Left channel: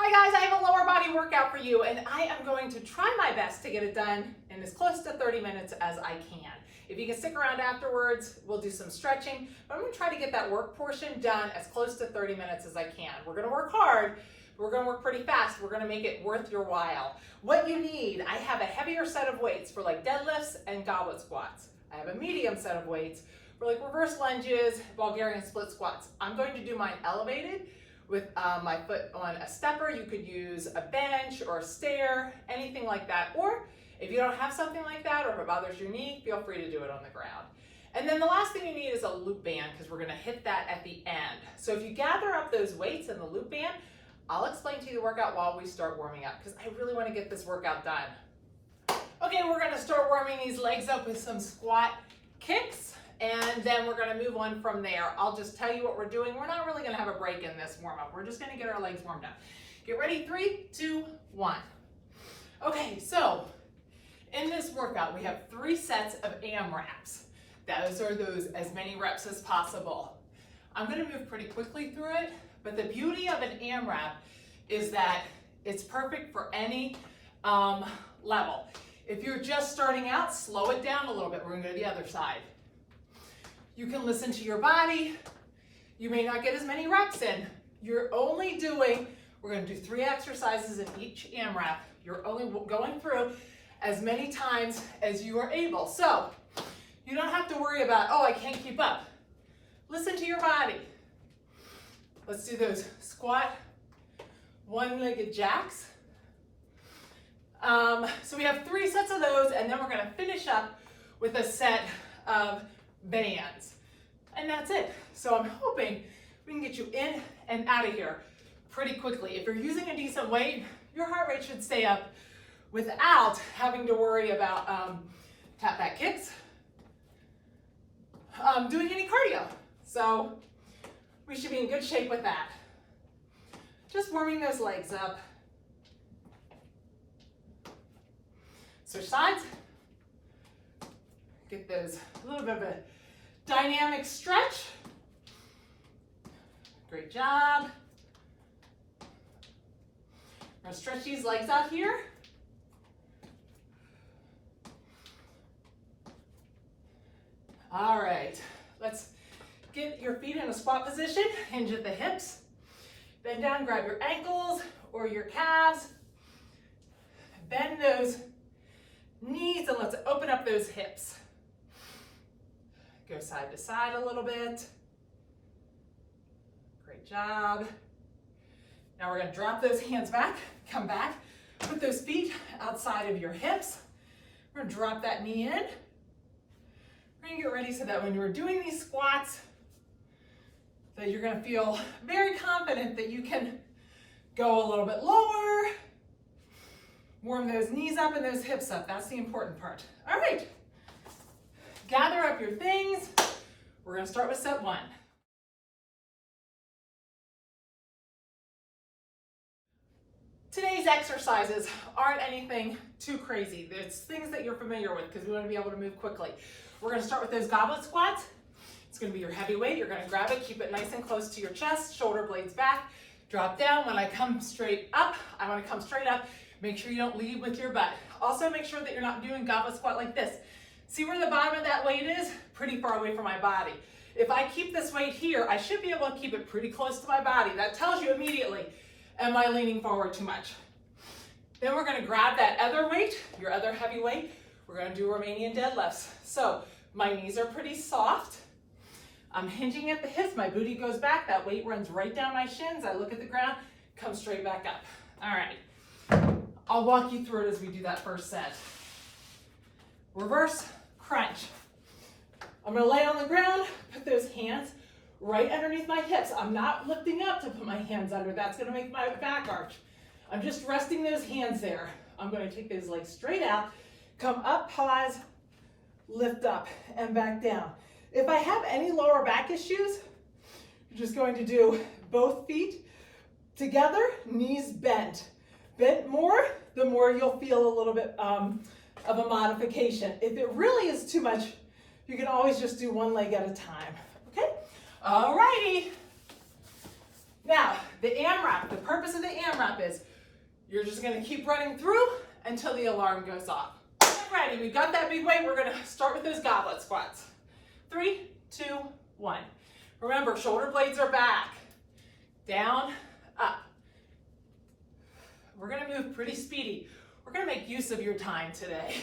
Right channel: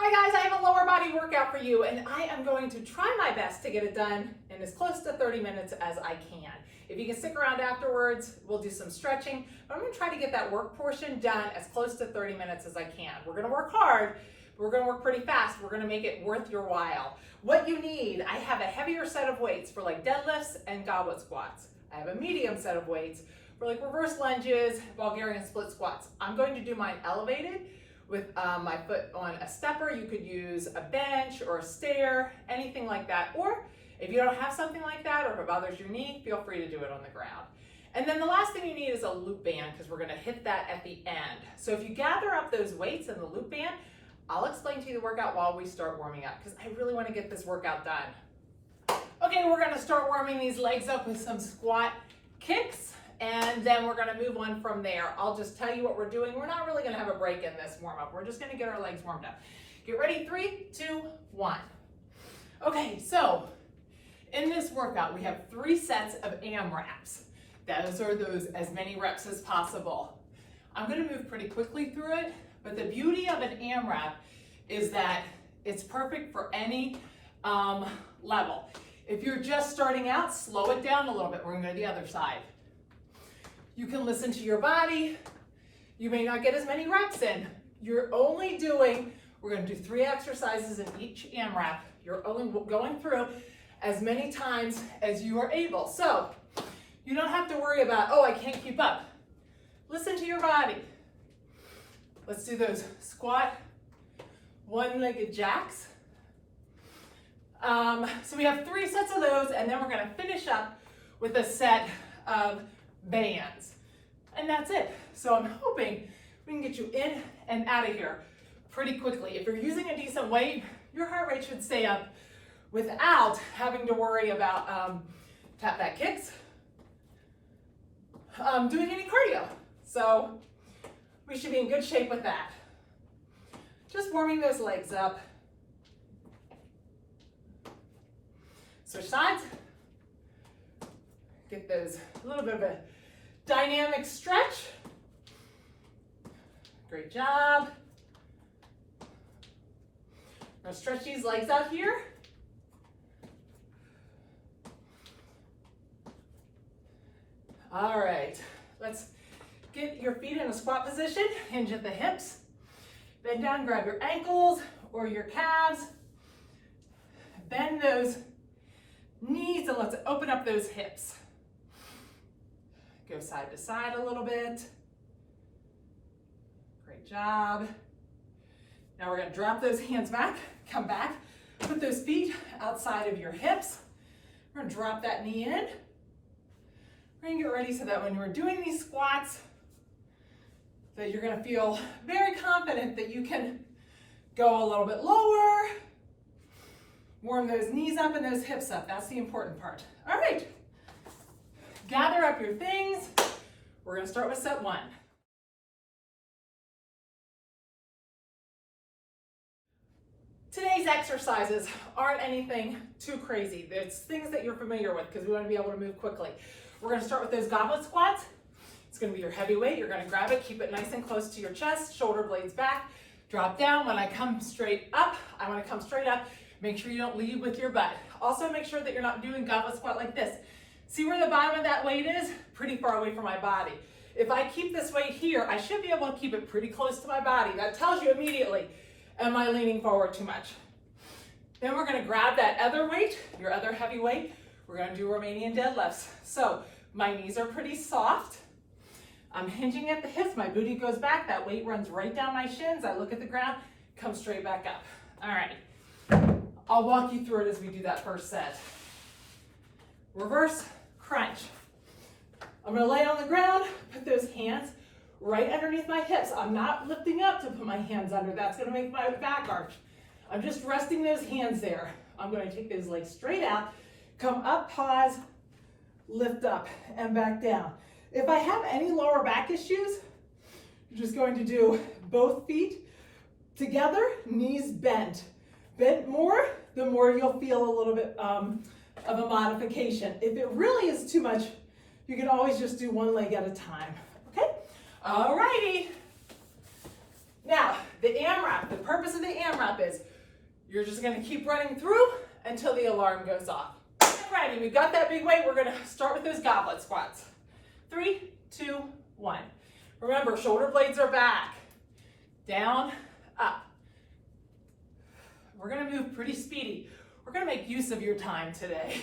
Hi guys, I have a lower body workout for you and I am going to try my best to get it done in as close to 30 minutes as I can. If you can stick around afterwards, we'll do some stretching, but I'm going to try to get that work portion done as close to 30 minutes as I can. We're going to work hard, but we're going to work pretty fast. We're going to make it worth your while. What you need, I have a heavier set of weights for like deadlifts and goblet squats. I have a medium set of weights for like reverse lunges, Bulgarian split squats. I'm going to do mine elevated with my foot on a stepper. You could use a bench or a stair, anything like that. Or if you don't have something like that, or if it bothers your knee, feel free to do it on the ground. And then the last thing you need is a loop band, because we're gonna hit that at the end. So if you gather up those weights in the loop band, I'll explain to you the workout while we start warming up, because I really wanna get this workout done. Okay, we're gonna start warming these legs up with some squat kicks, and then we're gonna move on from there. I'll just tell you what we're doing. We're not really gonna have a break in this warm up. We're just gonna get our legs warmed up. Get ready, 3, 2, 1. Okay, so in this workout, we have 3 sets of AMRAPs. Those are as many reps as possible. I'm gonna move pretty quickly through it, but the beauty of an AMRAP is that it's perfect for any level. If you're just starting out, slow it down a little bit. We're gonna go to the other side. You can listen to your body. You may not get as many reps in. We're gonna do 3 exercises in each AMRAP. You're only going through as many times as you are able. So you don't have to worry about, oh, I can't keep up. Listen to your body. Let's do those squat, one-legged jacks. So we have 3 sets of those, and then we're gonna finish up with a set of bands. And that's it. So I'm hoping we can get you in and out of here pretty quickly. If you're using a decent weight, your heart rate should stay up without having to worry about tap back kicks, doing any cardio. So we should be in good shape with that. Just warming those legs up. Switch sides. Get those, a little bit of a dynamic stretch. Great job. I'm gonna stretch these legs out here. All right, let's get your feet in a squat position, hinge at the hips. Bend down, grab your ankles or your calves. Bend those knees and let's open up those hips. Go side to side a little bit. Great job. Now we're gonna drop those hands back, come back, put those feet outside of your hips. We're gonna drop that knee in. We're gonna get ready so that when you're doing these squats, that you're gonna feel very confident that you can go a little bit lower, warm those knees up and those hips up. That's the important part. All right. Gather up your things. We're gonna start with set 1. Today's exercises aren't anything too crazy. It's things that you're familiar with because we want to be able to move quickly. We're gonna start with those goblet squats. It's gonna be your heavy weight. You're gonna grab it, keep it nice and close to your chest, shoulder blades back, drop down. When I come straight up, I wanna come straight up. Make sure you don't lead with your butt. Also make sure that you're not doing goblet squat like this. See where the bottom of that weight is? Pretty far away from my body. If I keep this weight here, I should be able to keep it pretty close to my body. That tells you immediately, am I leaning forward too much? Then we're gonna grab that other weight, your other heavy weight. We're gonna do Romanian deadlifts. So my knees are pretty soft. I'm hinging at the hips, my booty goes back, that weight runs right down my shins. I look at the ground, come straight back up. All right, I'll walk you through it as we do that first set. Reverse crunch. I'm gonna lay on the ground, put those hands right underneath my hips. I'm not lifting up to put my hands under. That's gonna make my back arch. I'm just resting those hands there. I'm gonna take those legs straight out, come up, pause, lift up, and back down. If I have any lower back issues, you're just going to do both feet together, knees bent. Bent more, the more you'll feel a little bit of a modification. If it really is too much, you can always just do one leg at a time, okay? All righty. Now, the AMRAP, the purpose of the AMRAP is you're just gonna keep running through until the alarm goes off. Alrighty, we've got that big weight. We're gonna start with those goblet squats. 3, 2, 1. Remember, shoulder blades are back. Down, up. We're gonna move pretty speedy. We're gonna make use of your time today.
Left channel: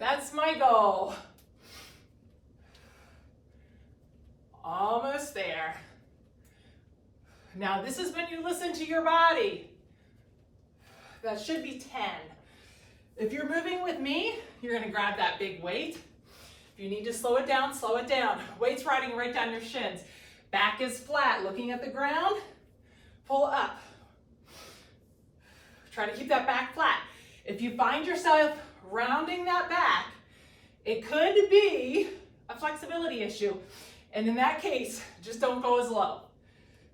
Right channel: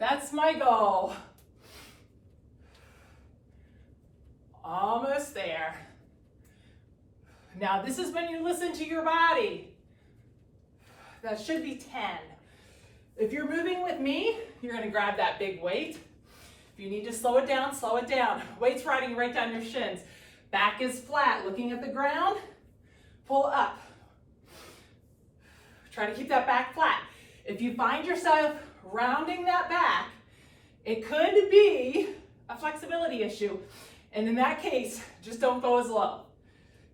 That's my goal. Almost there. Now, this is when you listen to your body. That should be 10. If you're moving with me, you're gonna grab that big weight. If you need to slow it down, slow it down. Weight's riding right down your shins. Back is flat, looking at the ground. Pull up. Try to keep that back flat. If you find yourself rounding that back, it could be a flexibility issue. And in that case, just don't go as low.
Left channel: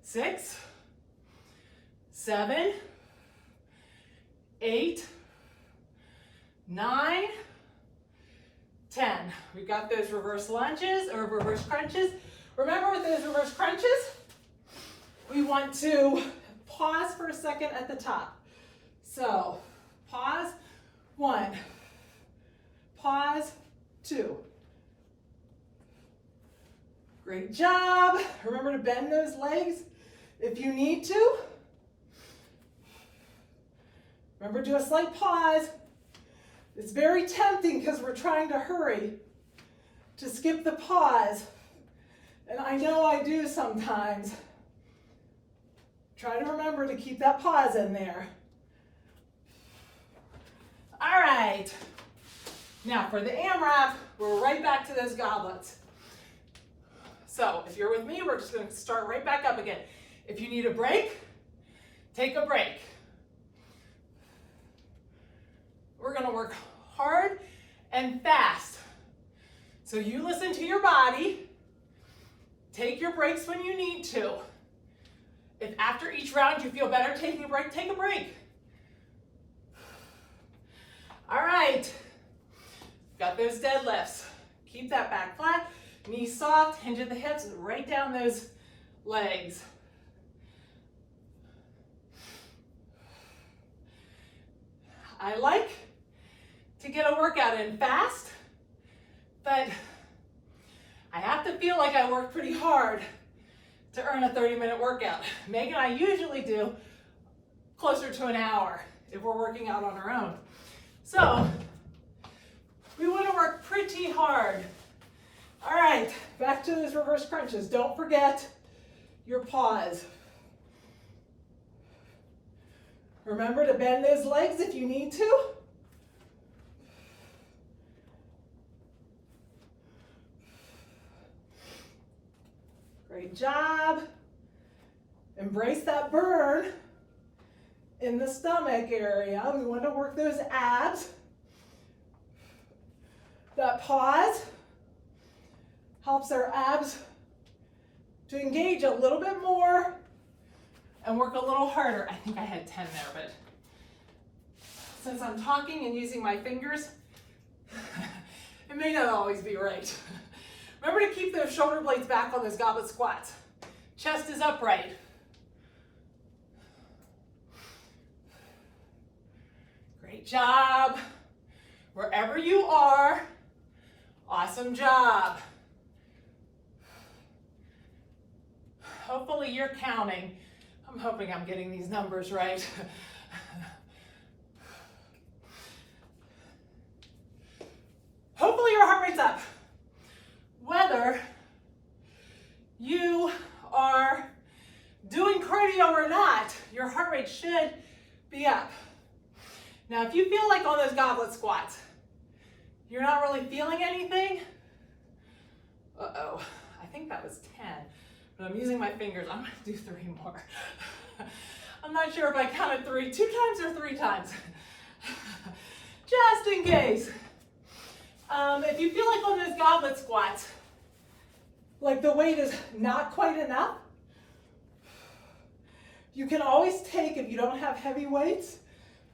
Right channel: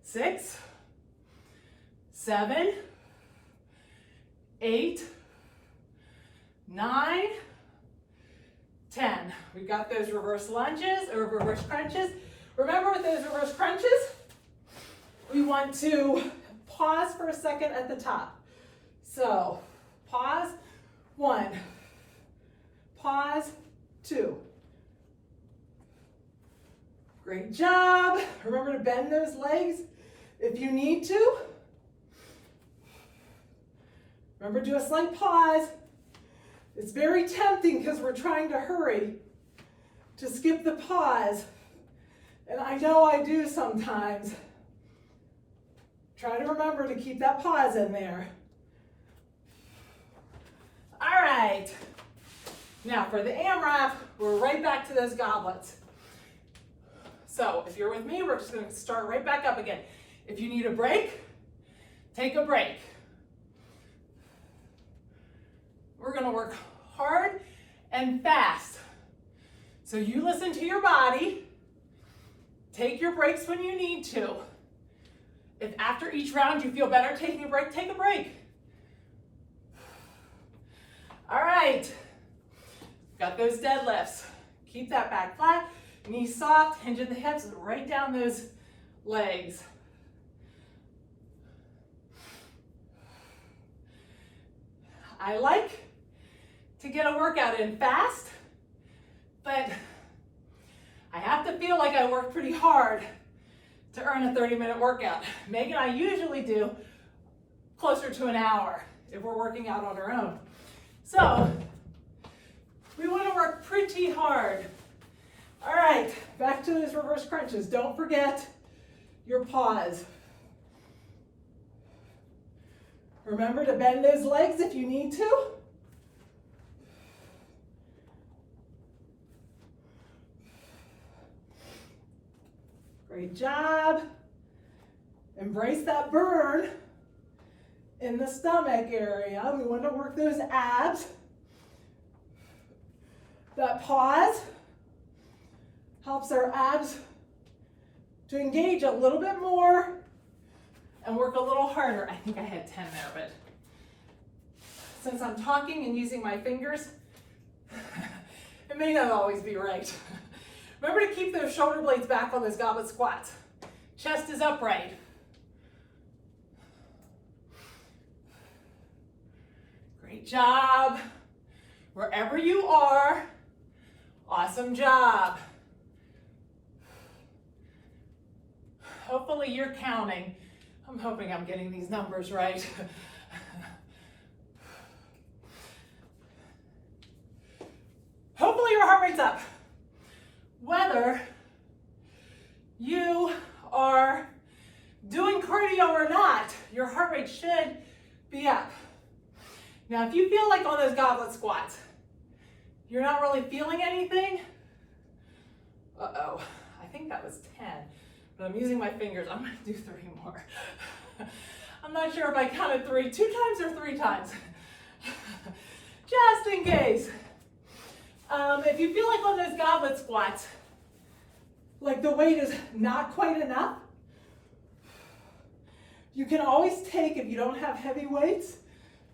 6, 7, 8, 9, 10. We've got those reverse lunges or reverse crunches. Remember with those reverse crunches, we want to pause for a second at the top. So pause, 1, pause, 2. Great job. Remember to bend those legs if you need to. Remember, do a slight pause. It's very tempting because we're trying to hurry to skip the pause. And I know I do sometimes. Try to remember to keep that pause in there. All right. Now for the AMRAP, we're right back to those goblets. So if you're with me, we're just going to start right back up again. If you need a break, take a break. We're going to work hard and fast. So you listen to your body. Take your breaks when you need to. If after each round you feel better taking a break, take a break. All right. Got those deadlifts. Keep that back flat. Knees soft, hinge at the hips, right down those legs. I like to get a workout in fast, but I have to feel like I worked pretty hard to earn a 30-minute workout. Meg and I usually do closer to an hour if we're working out on our own. So we want to work pretty hard. All right, back to those reverse crunches. Don't forget your pause. Remember to bend those legs if you need to. Great job. Embrace that burn in the stomach area. We want to work those abs. That pause helps our abs to engage a little bit more and work a little harder. I think I had 10 there, but since I'm talking and using my fingers, it may not always be right. Remember to keep those shoulder blades back on those goblet squats. Chest is upright. Great job. Wherever you are, awesome job. Hopefully you're counting. I'm hoping I'm getting these numbers right. Hopefully your heart rate's up. Whether you are doing cardio or not, your heart rate should be up. Now, if you feel like on those goblet squats, you're not really feeling anything, uh-oh, I think that was 10. But I'm using my fingers. I'm going to do 3 more. I'm not sure if I counted 3 2 times or 3 times. Just in case. If you feel like on those goblet squats, like the weight is not quite enough, you can always take, if you don't have heavy weights,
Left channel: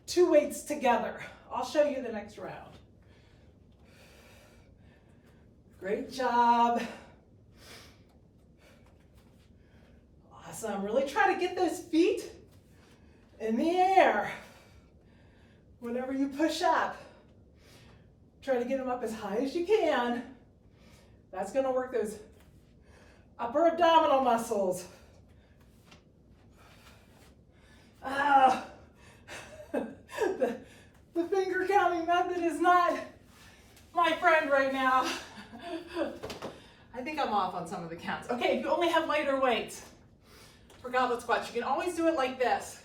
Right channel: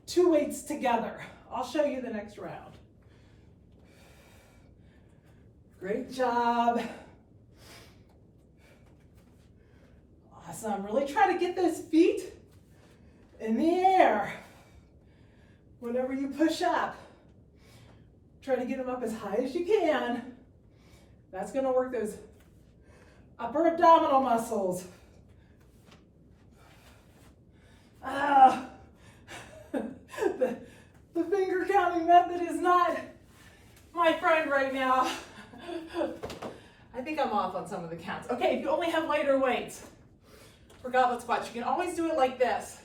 2 weights together. I'll show you the next round. Great job. Awesome. Really try to get those feet in the air. Whenever you push up, try to get them up as high as you can. That's going to work those upper abdominal muscles. The finger counting method is not my friend right now. I think I'm off on some of the counts. Okay, if you only have lighter weights for goblet squats, you can always do it like this.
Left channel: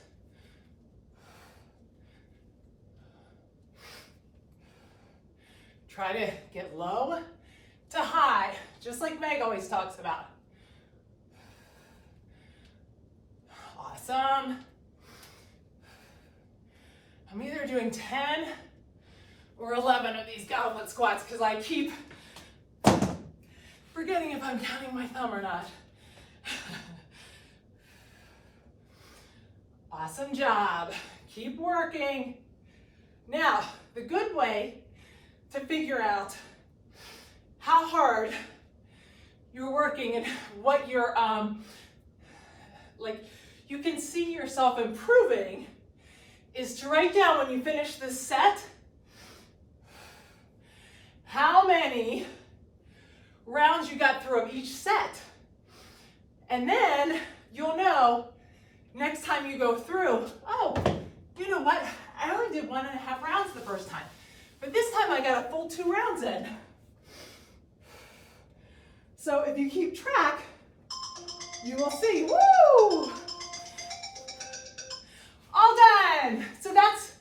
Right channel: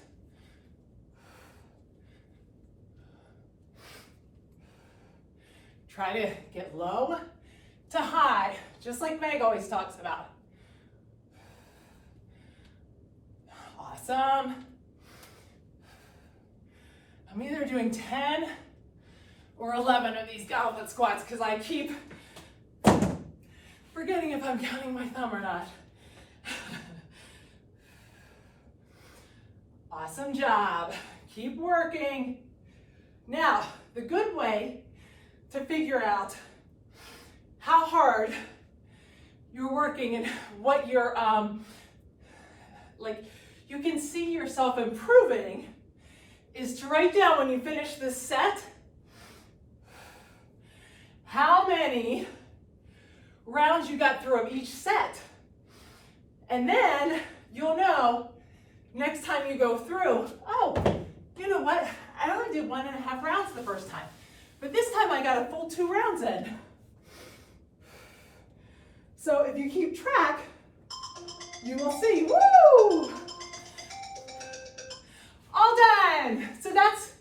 Try to get low to high, just like Meg always talks about. Awesome. I'm either doing 10 or 11 of these goblet squats because I keep forgetting if I'm counting my thumb or not. Awesome job. Keep working. Now, the good way to figure out how hard you're working and what you're, you can see yourself improving is to write down when you finish this set how many rounds you got through of each set. And then you'll know next time you go through, oh, you know what? I only did 1.5 rounds the first time, but this time I got a full 2 rounds in. So if you keep track, you will see, woo! All done. So that's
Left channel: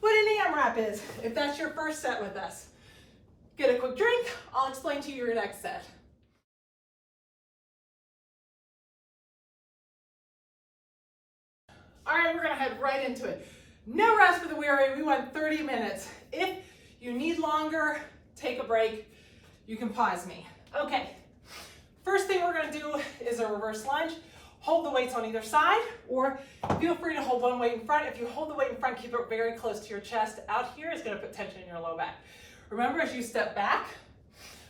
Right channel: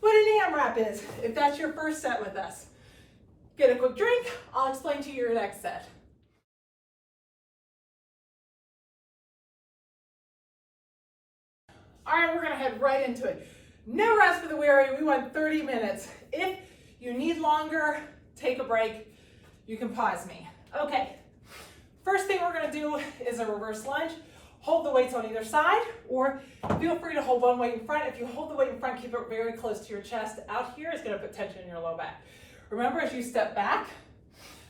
what an AMRAP is, if that's your first set with us. Get a quick drink, I'll explain to you your next set. All right, we're gonna head right into it. No rest for the weary, we went 30 minutes. If you need longer, take a break. You can pause me. Okay, first thing we're gonna do is a reverse lunge. Hold the weights on either side, or feel free to hold one weight in front. If you hold the weight in front, keep it very close to your chest. Out here is gonna put tension in your low back. Remember, as you step back,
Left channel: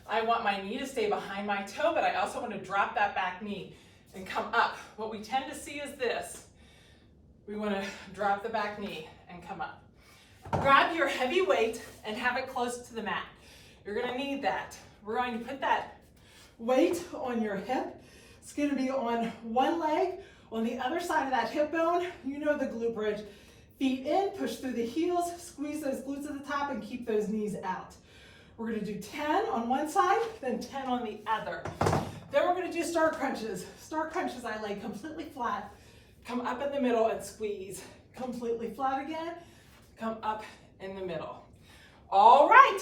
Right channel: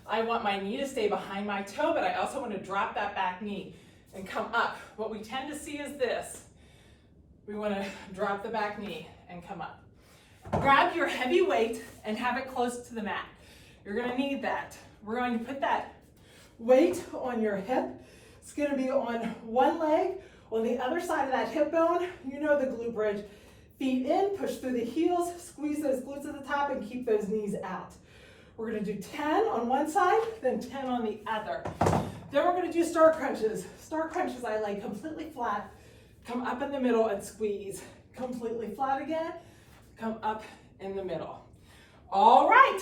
I want my knee to stay behind my toe, but I also want to drop that back knee and come up. What we tend to see is this. We want to drop the back knee and come up. Grab your heavy weight and have it close to the mat. You're going to need that. We're going to put that weight on your hip. It's going to be on one leg. On the other side of that hip bone, you know the glute bridge. Feet in, push through the heels, squeeze those glutes at the top and keep those knees out. We're gonna do 10 on one side, then 10 on the other. Then we're gonna do star crunches. Star crunches, I lay completely flat, come up in the middle and squeeze. Completely flat again, come up in the middle. All right,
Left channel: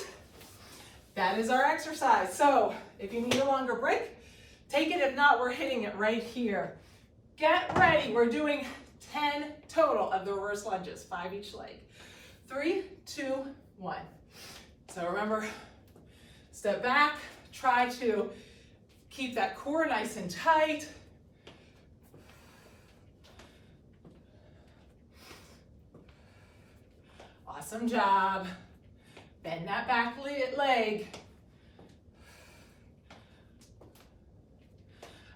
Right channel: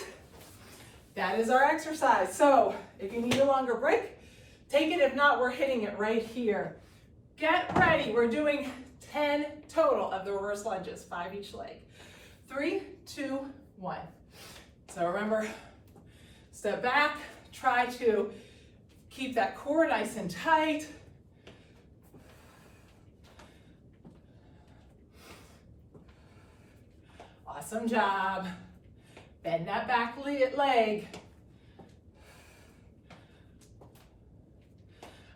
that is our exercise. So if you need a longer break, take it. If not, we're hitting it right here. Get ready, we're doing 10 total of the reverse lunges, 5 each leg. 3, 2, 1. So remember, step back, try to keep that core nice and tight. Awesome job. Bend that back leg.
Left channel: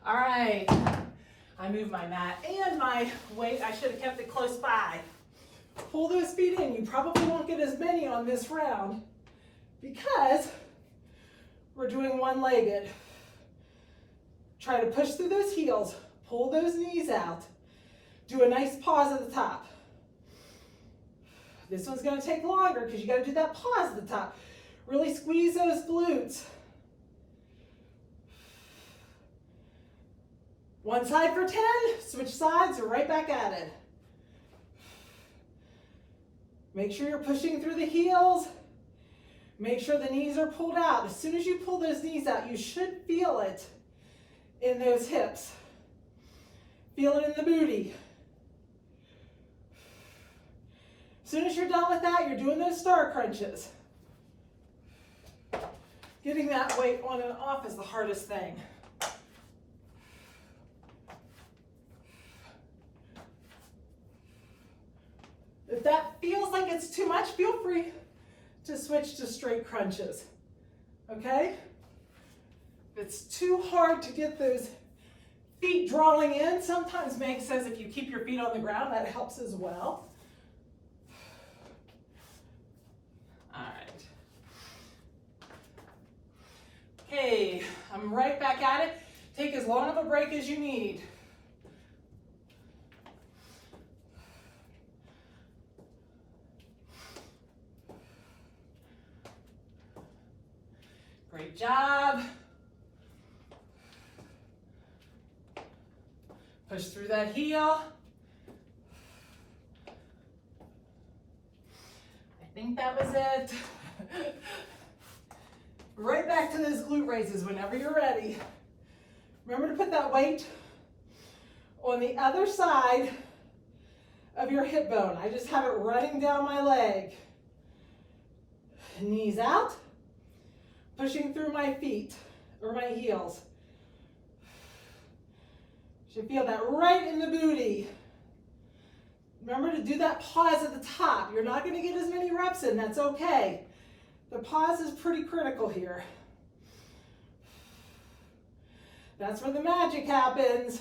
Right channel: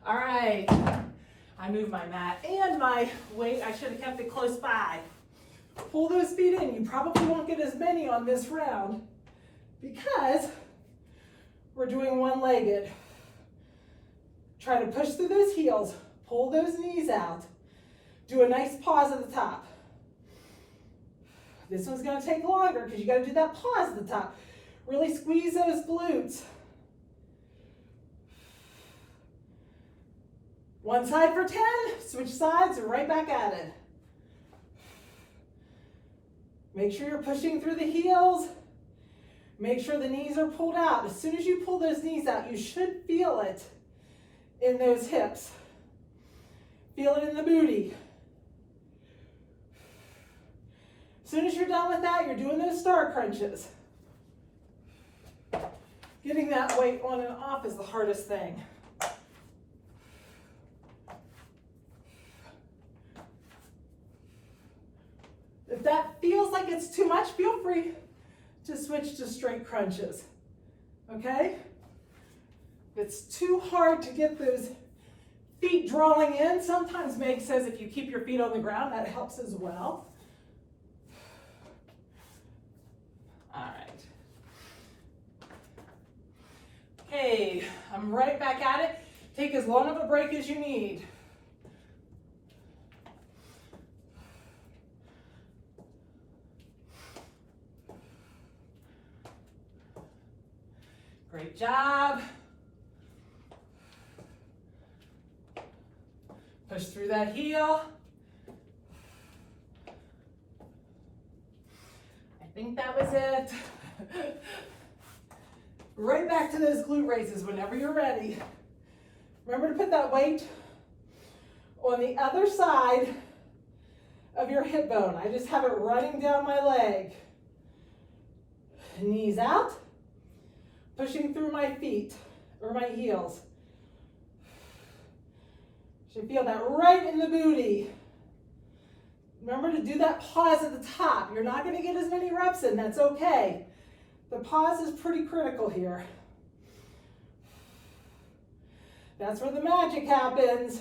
All right. I move my mat and my weight. I should have kept it close by. Pull those feet in. You probably won't get as many on this round because we're doing one-legged. Try to push through those heels. Pull those knees out. Do a nice pause at the top. This one's going to take longer because you got to do that pause at the top. Really squeeze those glutes. One side for 10, switch sides, right back at it. Make sure you're pushing through the heels. Make sure the knees are pulled out. As soon as you pull those knees out, you should feel it in those hips. Feel it in the booty. As soon as you're done with that, you're doing those star crunches. Getting that weight on and off is the hardest thing. If that feels like it's too much, feel free to switch to straight crunches, okay? If it's too hard to get those feet drawing in. Sometimes Meg says if you keep your feet on the ground, that helps as well. All right. Okay, I'm right back at it. Take as long of a break as you need. Great job. Push through that heel. I think that was it. Right back to those glute raises whenever you're ready. Remember to put that weight on the other side of your hip bone. I just have it running down my leg. Knees out. Pushing through my feet or my heels. Should feel that right in the booty. Remember to do that pause at the top. You're not going to get as many reps in. That's okay. The pause is pretty critical here. That's where the magic happens.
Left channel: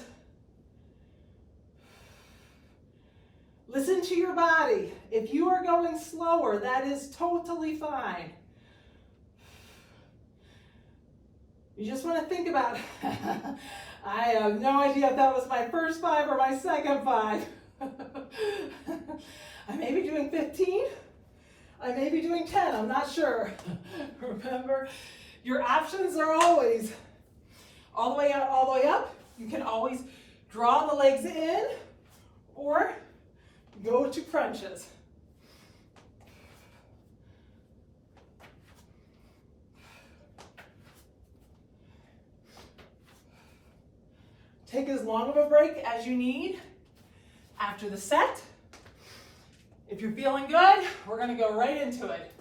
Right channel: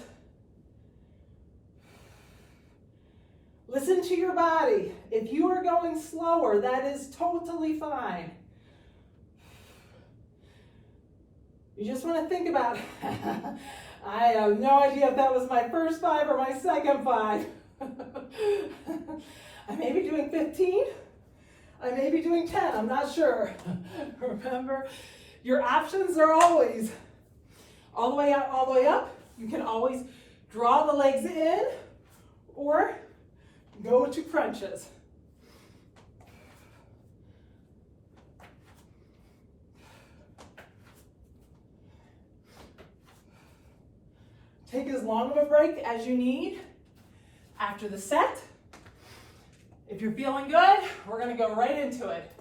Listen to your body. If you are going slower, that is totally fine. You just want to think about, I have no idea if that was my first 5 or my second 5. I may be doing 15. I may be doing 10. I'm not sure. Remember, your options are always all the way out, all the way up. You can always draw the legs in or go to crunches. Take as long of a break as you need after the set. If you're feeling good, we're going to go right into it.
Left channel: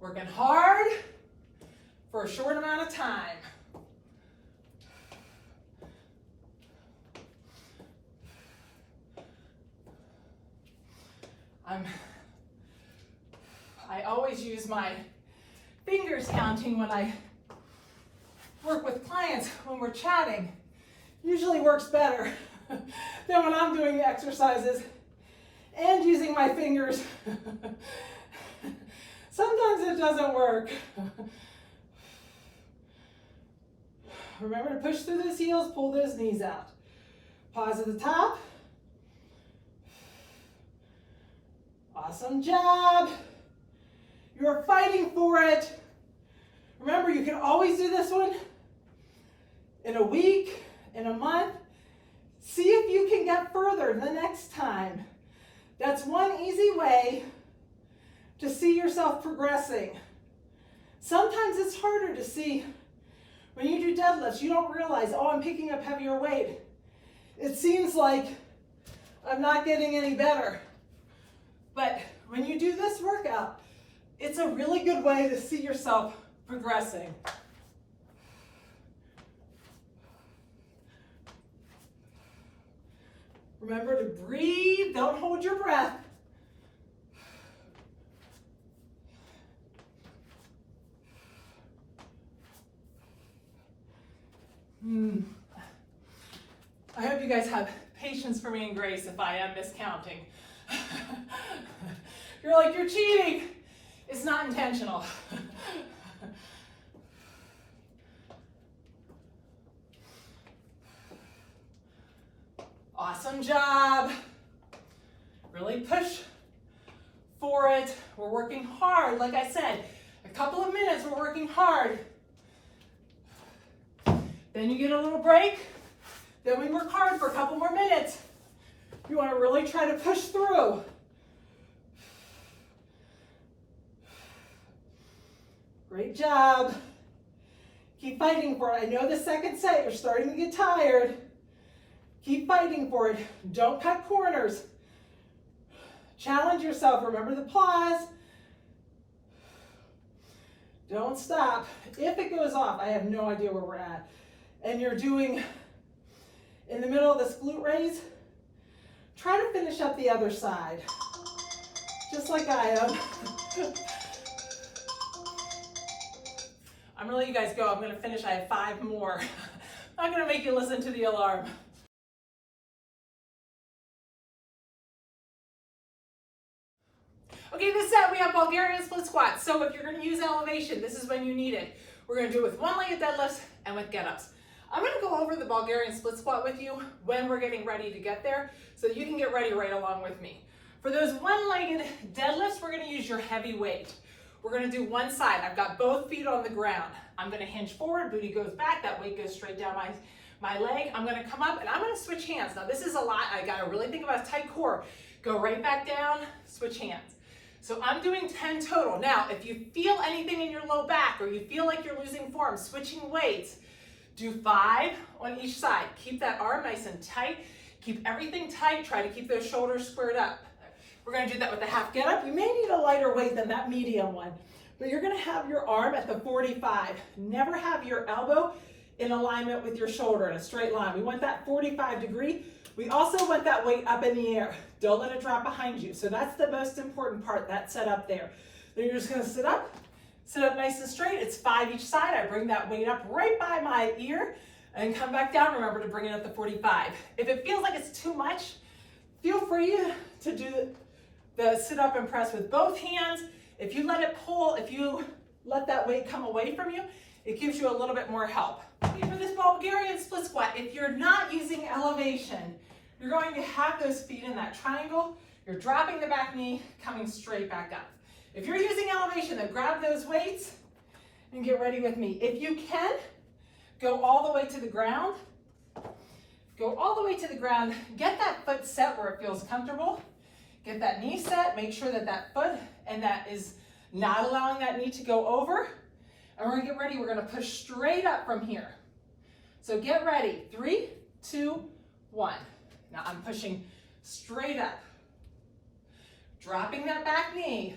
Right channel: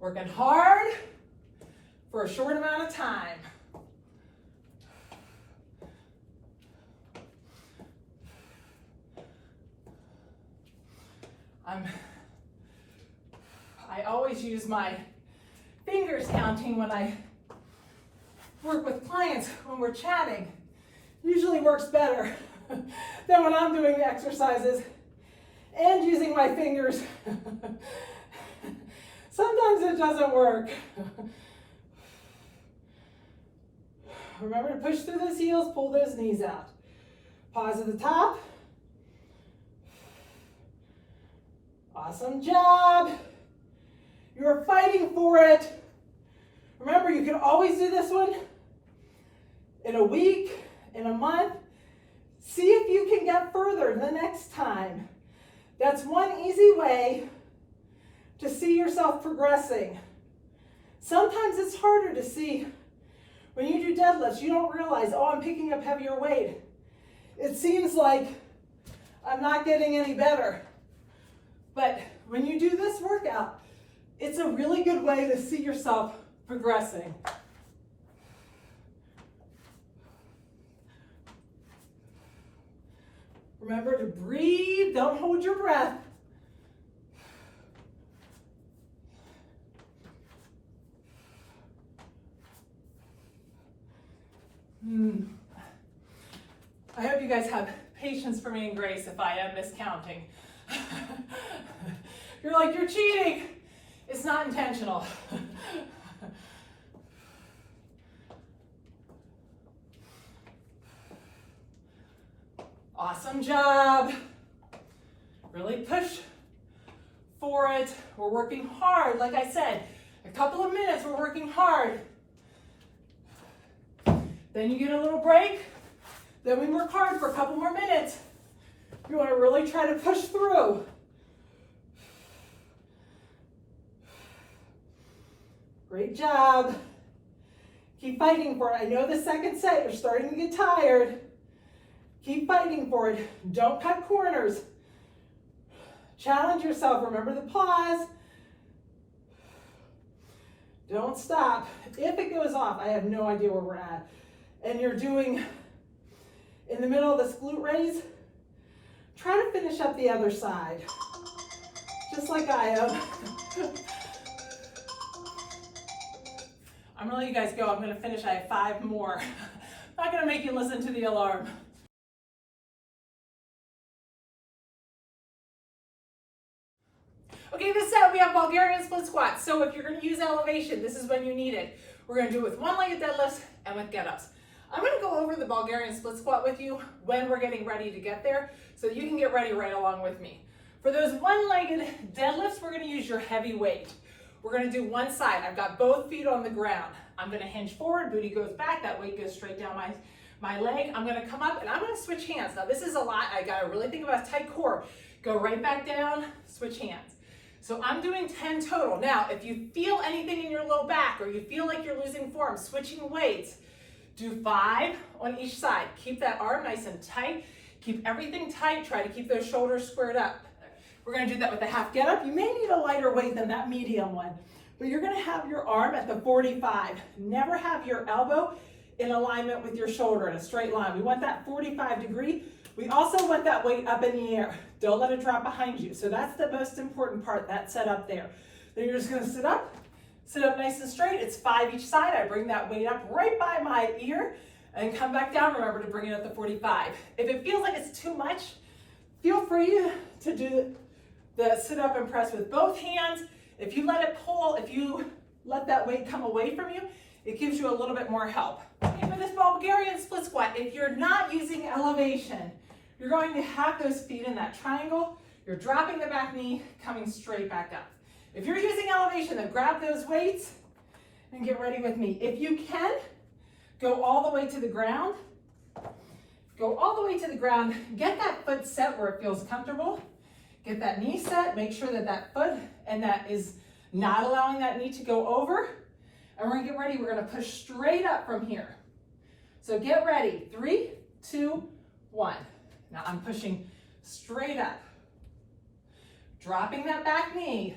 Working hard for a short amount of time. I always use my fingers counting when I work with clients when we're chatting. Usually works better than when I'm doing the exercises and using my fingers. Sometimes it doesn't work. Remember to push through those heels, pull those knees out. Pause at the top. Awesome job. You're fighting for it. Remember, you can always do this one in a week, in a month. See if you can get further the next time. That's one easy way to see yourself progressing. Sometimes it's harder to see. When you do deadlifts, you don't realize, oh, I'm picking up heavier weight. It seems like I'm not getting any better. But when you do this workout, it's a really good way to see yourself progressing. Remember to breathe, don't hold your breath. I hope you guys have patience for me and grace if I am miscounting. You're like, you're cheating. It's not intentional. Awesome job. Really push for it. We're working hard. Like I said, a couple of minutes, we're working hard. Then you get a little break. Then we work hard for a couple more minutes. You want to really try to push through. Great job. Keep fighting for it. I know the second set, you're starting to get tired. Keep fighting for it. Don't cut corners. Challenge yourself. Remember the pause. Don't stop. If it goes off, I have no idea where we're at, and you're doing in the middle of this glute raise, try to finish up the other side, just like I am. I'm gonna let you guys go. I'm gonna finish, I have 5 more. I'm not gonna make you listen to the alarm. Okay, this set we have Bulgarian Split Squats. So if you're gonna use elevation, this is when you need it. We're gonna do it with one-legged deadlifts and with get-ups. I'm gonna go over the Bulgarian Split Squat with you when we're getting ready to get there, so you can get ready right along with me. For those one-legged deadlifts, we're gonna use your heavy weight. We're gonna do one side. I've got both feet on the ground. I'm gonna hinge forward, booty goes back, that weight goes straight down my leg. I'm gonna come up and I'm gonna switch hands. Now this is a lot, I gotta really think about a tight core. Go right back down, switch hands. So I'm doing 10 total. Now, if you feel anything in your low back or you feel like you're losing form, switching weights, do 5 on each side. Keep that arm nice and tight. Keep everything tight. Try to keep those shoulders squared up. We're gonna do that with the half get up. You may need a lighter weight than that medium one, but you're gonna have your arm at the 45. Never have your elbow in alignment with your shoulder in a straight line. We want that 45 degree. We also want that weight up in the air. Don't let it drop behind you. So that's the most important part, that set up there. Then you're just gonna sit up nice and straight. It's 5 each side. I bring that weight up right by my ear and come back down. Remember to bring it up to 45. If it feels like it's too much, feel free to do the sit up and press with both hands. If you let it pull, if you let that weight come away from you, it gives you a little bit more help. Okay, for this Bulgarian split squat, if you're not using elevation, you're going to have those feet in that triangle. You're dropping the back knee, coming straight back up. If you're using elevation, then grab those weights and get ready with me. If you can, go all the way to the ground. Go all the way to the ground. Get that foot set where it feels comfortable. Get that knee set. Make sure that that foot and that is not allowing that knee to go over. And we're gonna get ready. We're gonna push straight up from here. So get ready. 3, 2, 1. Now I'm pushing straight up. Dropping that back knee.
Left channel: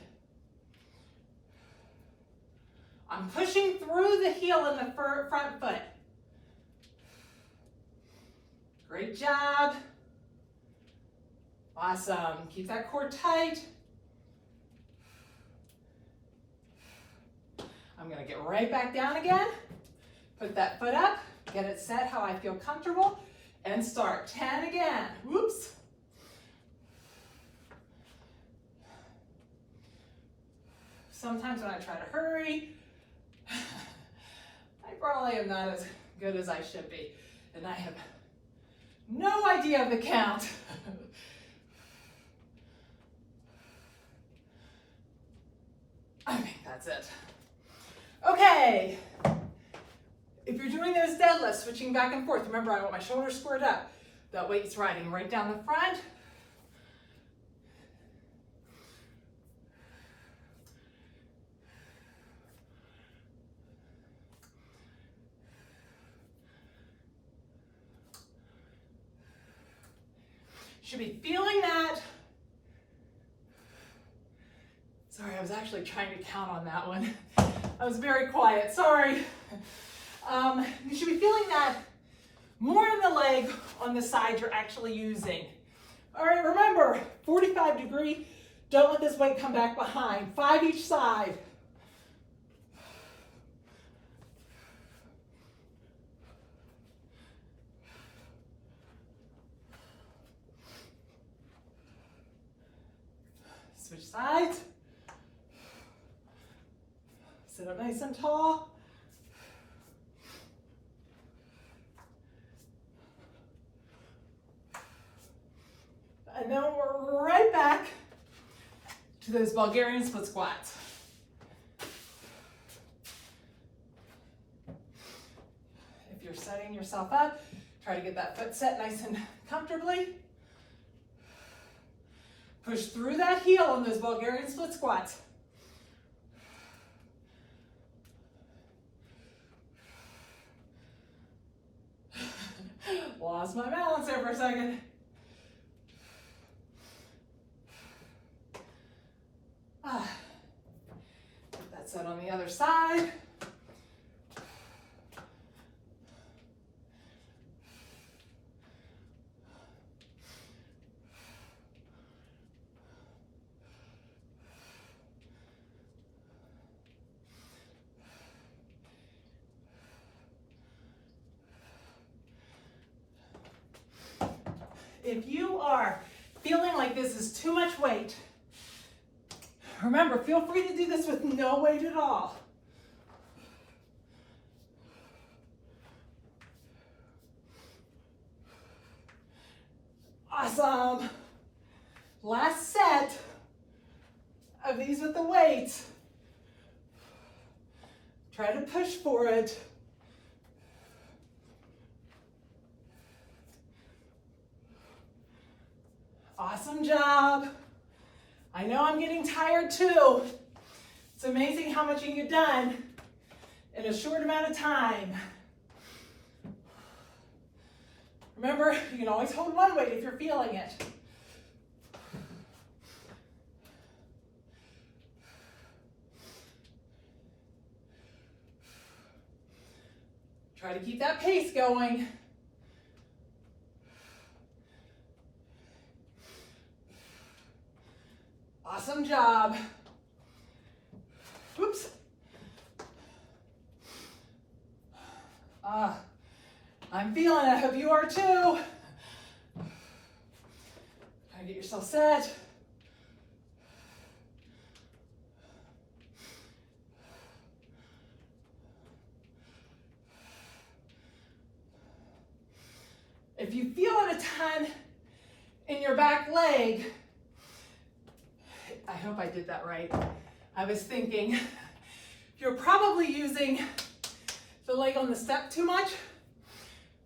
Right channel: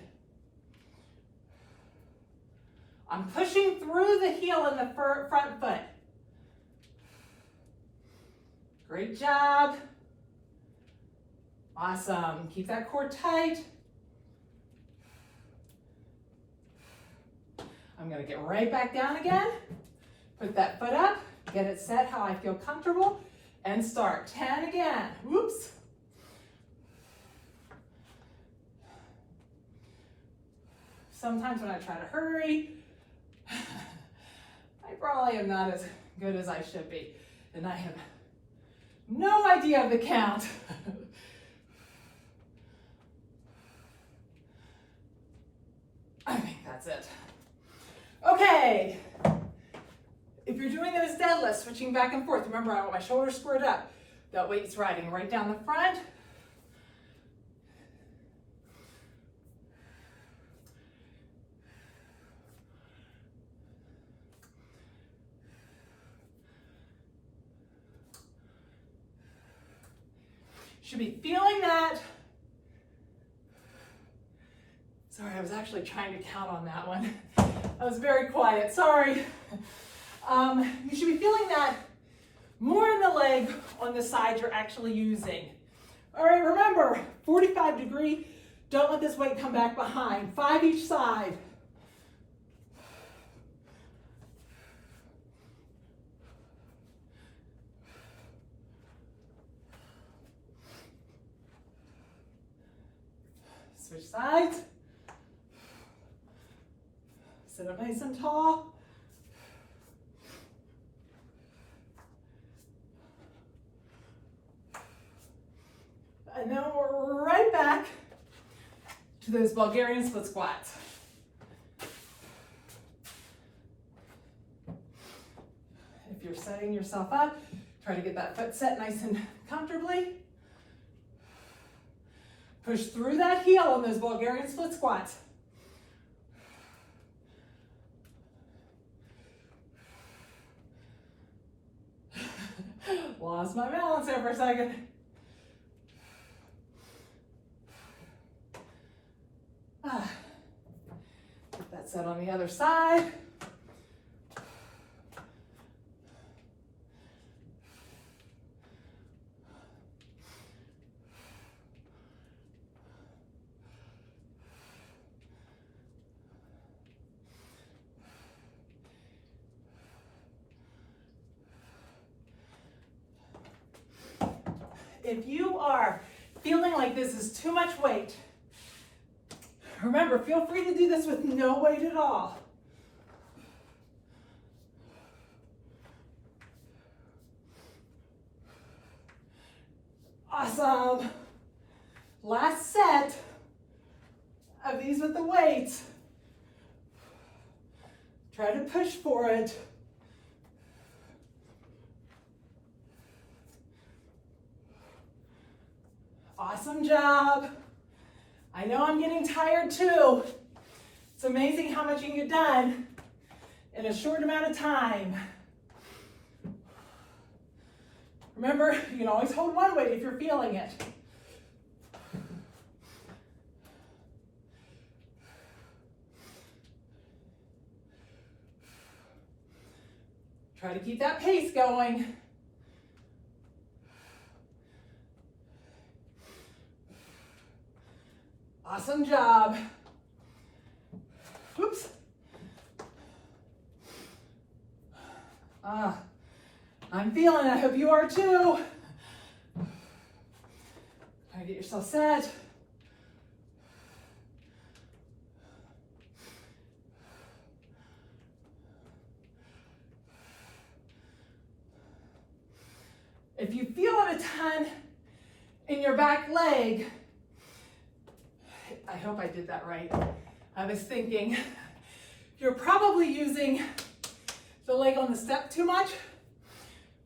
I'm pushing through the heel in the front foot. Great job. Awesome. Keep that core tight. I'm going to get right back down again. Put that foot up. Get it set how I feel comfortable. And start. 10 again. Whoops. Sometimes when I try to hurry, I probably am not as good as I should be. And I have no idea of the count. I think that's it. Okay. If you're doing those deadlifts, switching back and forth, remember I want my shoulders squared up. That weight's riding right down the front. Should be feeling that. Sorry, I was actually trying to count on that one. I was very quiet, sorry. You should be feeling that more in the leg on the side you're actually using. All right, remember, 45 degree, don't let this weight come back behind. 5 each side. Switch sides. Sit up nice and tall. And then we're right back to those Bulgarian split squats. If you're setting yourself up, try to get that foot set nice and comfortably. Push through that heel on those Bulgarian split squats. Lost my balance there for a second. Get that set on the other side. if you are feeling like this is too much weight, remember, feel free to do this with no weight at all. Awesome. Last set of these with the weights. Try to push for it. Awesome job. I know I'm getting tired too. It's amazing how much you can get done in a short amount of time. Remember, you can always hold one weight if you're feeling it. Try to keep that pace going. Awesome job. Whoops. I'm feeling it. I hope you are too. Try to get yourself set. If you feel it a ton in your back leg, I hope I did that right. I was thinking you're probably using the leg on the step too much.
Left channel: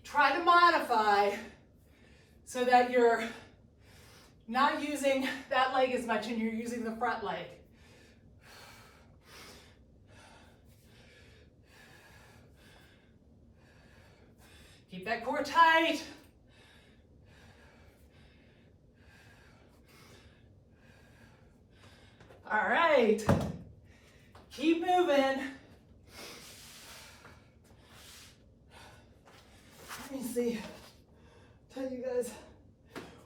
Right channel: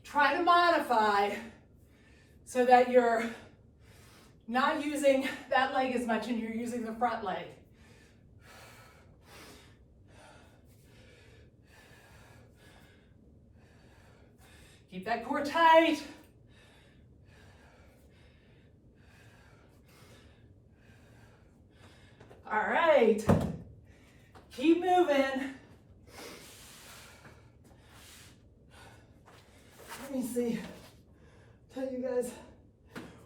Try to modify so that you're not using that leg as much and you're using the front leg. Keep that core tight. All right, keep moving. Let me see, tell you guys,